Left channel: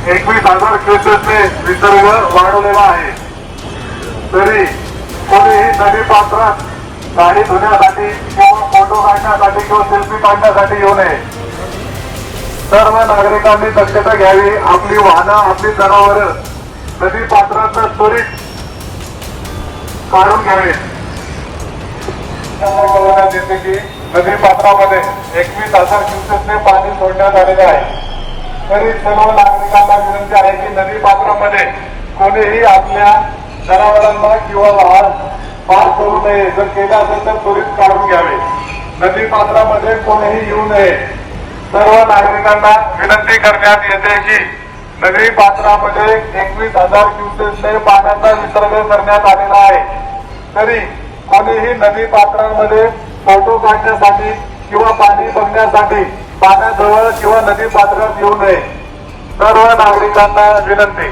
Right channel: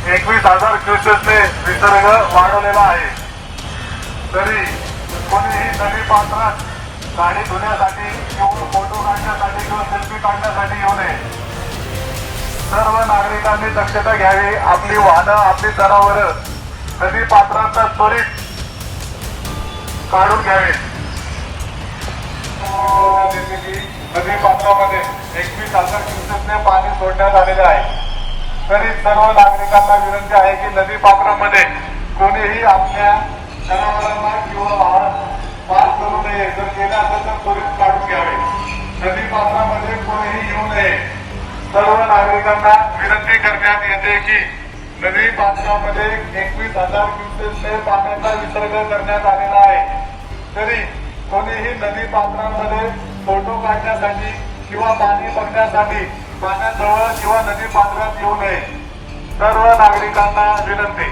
21,000 क्युसेकने विसर्ग वाढवलेला आहे। तरी कोणीही नदी पात्रात गाडी धुण्यासाठी किंवा फोटो काढण्यासाठी किंवा सेल्फी काढण्यासाठी येऊ नये। सर्व नागरिकांनी दक्षता घ्यावी। आपली वाहनं आपली जनावरं नदी पात्रात त्वरित काढून घ्यावीत। कळवण्यात येते की नदी पात्रामध्ये 21,000 क्युसेकने पाणी सोडण्यात आलेले आहे। तरी सर्व नागरिकांना विनंती आहे की नदी पात्रामध्ये कोणीही आपल्या जनावरांना किंवा वाहन पार करू नये। जर केलं असेल तर त्वरित काढून घ्यावे। नदी पात्रामध्ये कोणीही येऊ नये। सर्व नागरिकांना विनंती करण्यात येते की नदी पात्रामध्ये 21,000 क्युसेकने पाण्याचा विसर्ग करण्यात आलेला आहे। तरी कोणीही नदी पात्रामध्ये फोटो काढण्यासाठी किंवा पाणी बघण्यासाठी पाण्याजवळ किंवा नदी पात्रात येऊ नये। सर्व नागरिकांना विनंती।